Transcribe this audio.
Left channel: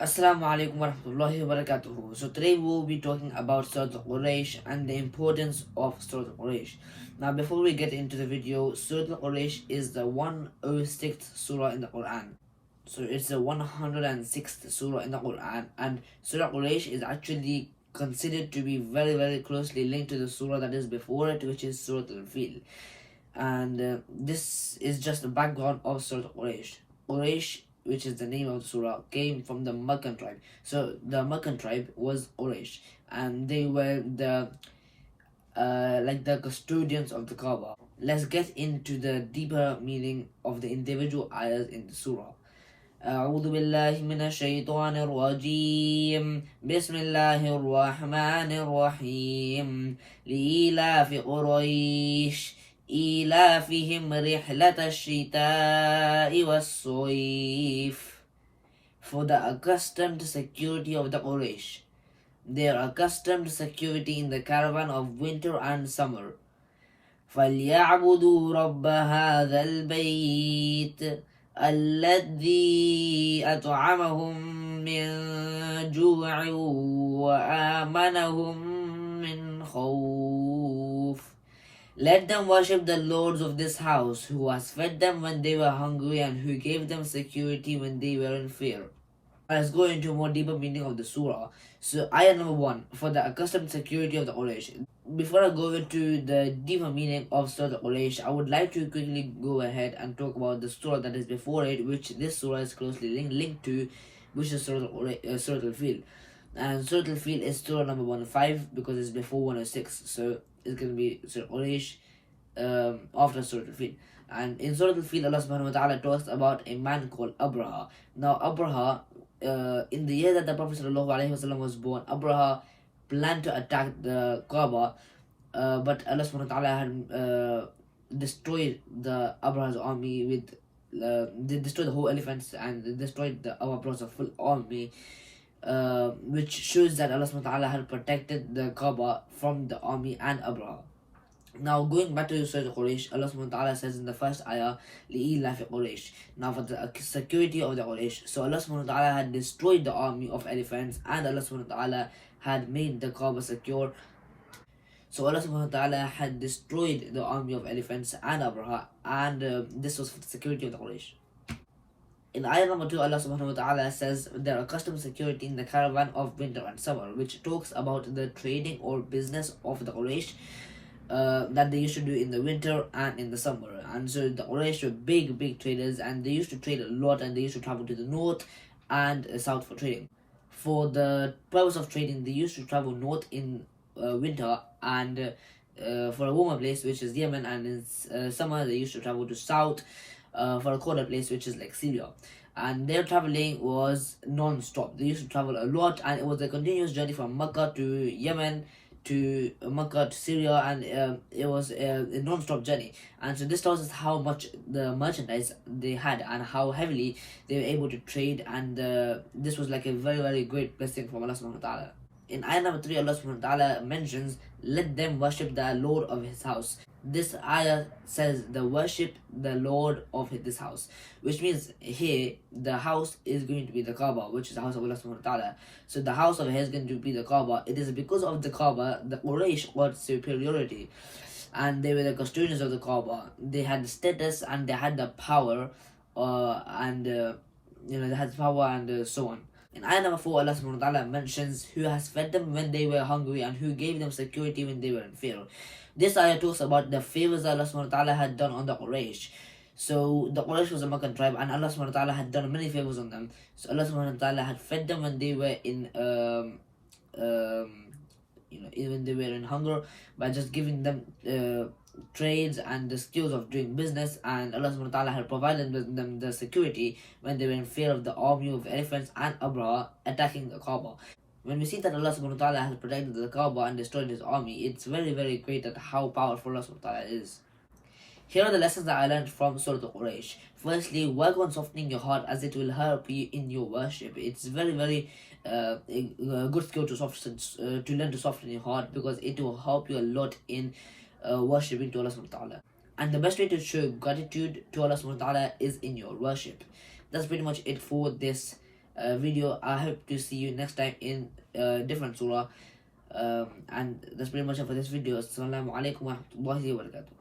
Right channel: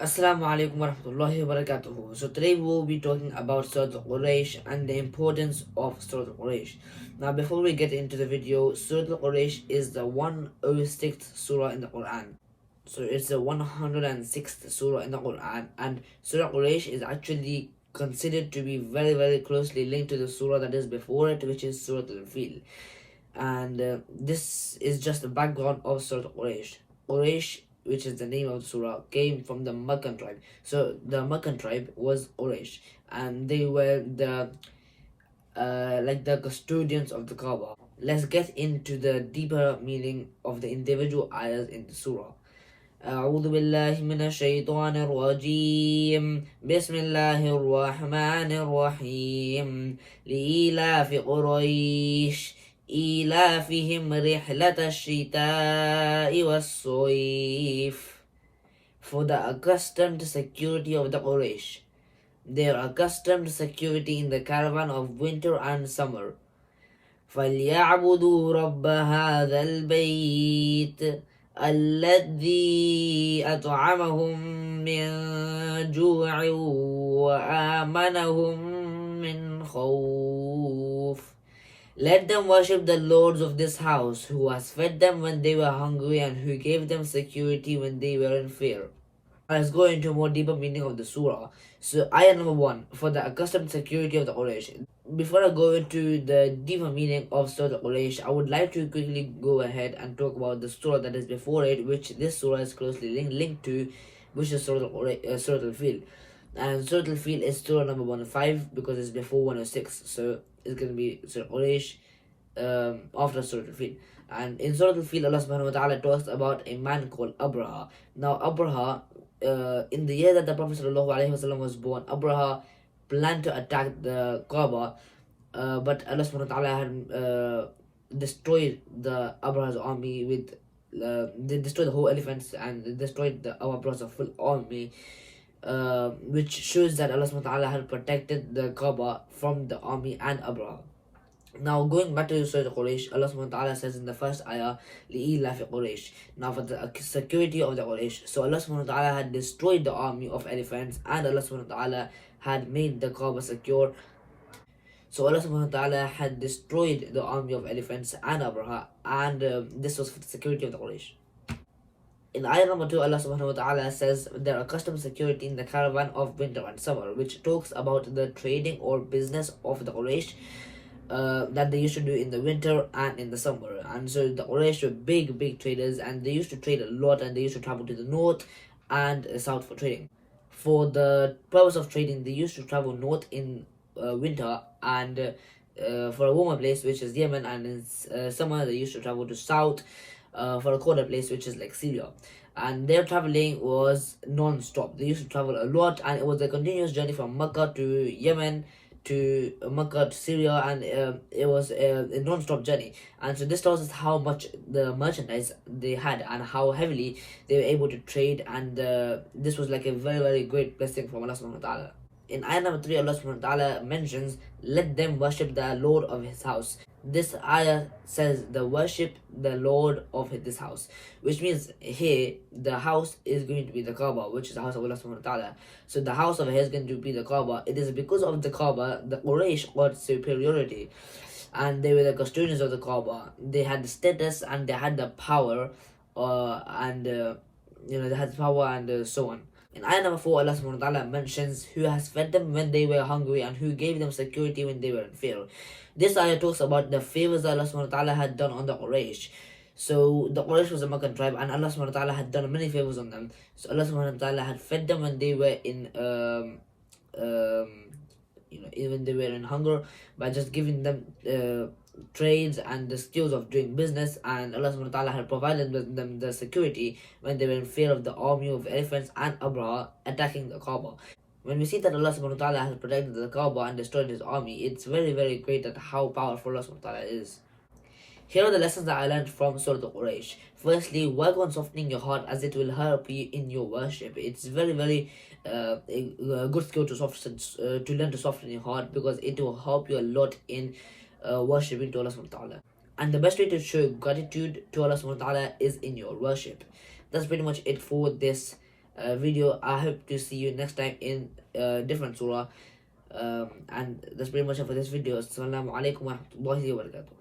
Assalamu alaikum warahmatullahi wabarakatuh. So today we will be talking about Surah Quraysh and the importance of Surah Quraysh. Now before we get into the video, Surah Quraysh is the 106th surah in the Quran. So it's the 106th surah in the Quran, and Surah Quraysh is actually considered to be very closely linked to the surah that is before it, which is Surah Al-Fil. And this is just the background of Surah Quraysh. Quraysh, which is the name of the surah, came from the Meccan tribe. So the Meccan tribe was Quraysh, and they were the like the custodians of the Kaaba. Let's get into the deeper meaning of the individual ayahs in the surah. أعوذ بالله من الشيطان الرجيم بسم الله الرحمن الرحيم لإيلاف قريش إيلافهم رحلة الشتاء والصيف. For the accustomed security of the Quraysh, their accustomed security in the caravan of winter and summer. فليعبدوا رب هذا البيت الذي أطعمهم من جوع وآمنهم من خوف. Let them worship the lords of this house, who has fed them when they were hungry and who gave them security when they were in fear. Let's go into more deeper meaning of the surah. So ayah number 1, for the accustomed security of the Quraysh. Before I go into the deeper meaning of Surah Quraysh, I would like to quickly go ahead and talk about the surah that is before it, which this surah is closely linked to, which is Surah Al-Fil. And Surah Al-Fil is surah number 105 because it's before 106. So it's going to be Surah Quraysh after Surah Al-Fil. And in Surah Al-Fil, Allah subhanahu wa ta'ala talks about a man called Abraha. Now Abraha, in the year that the Prophet ﷺ was born, Abraha planned to attack the Kaaba, but Allah subhanahu wa ta'ala had destroyed the Abraha's army with they destroyed the whole elephants and they destroyed the Abraha's full army, which shows that Allah subhanahu wa ta'ala had protected the Kaaba from the army and Abraha. Now going back to Surah Quraysh, Allah subhanahu wa ta'ala says in the first ayah, لِإِيلَافِ Quraysh. Now for the security of the Quraysh. So Allah subhanahu wa ta'ala had destroyed the army of elephants and Allah subhanahu wa ta'ala had made the Kaaba secure. So Allah subhanahu wa ta'ala had destroyed the army of elephants and Abraha, and this was for the security of the Quraysh. In ayah number 2, Allah subhanahu wa ta'ala says there are accustomed security in the caravan of winter and summer, which talks about the trading or business of the Quraysh that they used to do in the winter and in the summer. And so the Quraysh were big traders, and they used to trade a lot, and they used to travel to the north and south for trading. For the purpose of trading, they used to travel north in winter and for a warmer place, which is Yemen, and in summer they used to travel to south for a colder place, which is like Syria. And their traveling was non-stop. They used to travel a lot, and it was a continuous journey from Mecca to Yemen to Mecca to Syria, and it was a non-stop journey. And so this tells us how much the merchandise they had and how heavily they were able to trade, and this was like a very great blessing from Allah subhanahu wa ta'ala. In ayah number 3, Allah subhanahu wa ta'ala mentions, let them worship the Lord of his house. This ayah says the worship the Lord of this house, which means here the house is going to be the Kaaba, which is the house of Allah subhanahu wa ta'ala. So the house of his is going to be the Kaaba. It is because of the Kaaba the Quraysh got superiority, and they were the custodians of the Kaaba. They had the status and they had the power, and they had power and so on. In ayah number 4, Allah subhanahu wa ta'ala mentions who has fed them when they were hungry and who gave them security when they were in fear. This ayah talks about the favors Allah subhanahu wa ta'ala had done on the Quraysh. So the Quraysh was a Meccan tribe, and Allah subhanahu wa ta'ala had done many favors on them. So Allah subhanahu wa ta'ala had fed them when they were in when they were in hunger by just giving them trades and the skills of doing business, and Allah subhanahu wa ta'ala had provided them the security when they were in fear of the army of elephants and Abraha attacking the Kaaba. When we see that Allah subhanahu wa ta'ala has protected the Kaaba and destroyed his army, it's very great at how powerful Allah subhanahu wa ta'ala is. Here are the lessons that I learned from Surah Quraysh. Firstly, work on softening your heart, as it will help you in your worship. It's very a good skill to learn to soften your heart, because it will help you a lot in worshipping to Allah subhanahu wa ta'ala. And the best way to show gratitude to Allah subhanahu wa ta'ala is in your worship. That's pretty much it for this video. I hope to see you next time in different surah. And that's pretty much it for this video. Assalamu alaikum wa rahmatullahi wa barakatuh.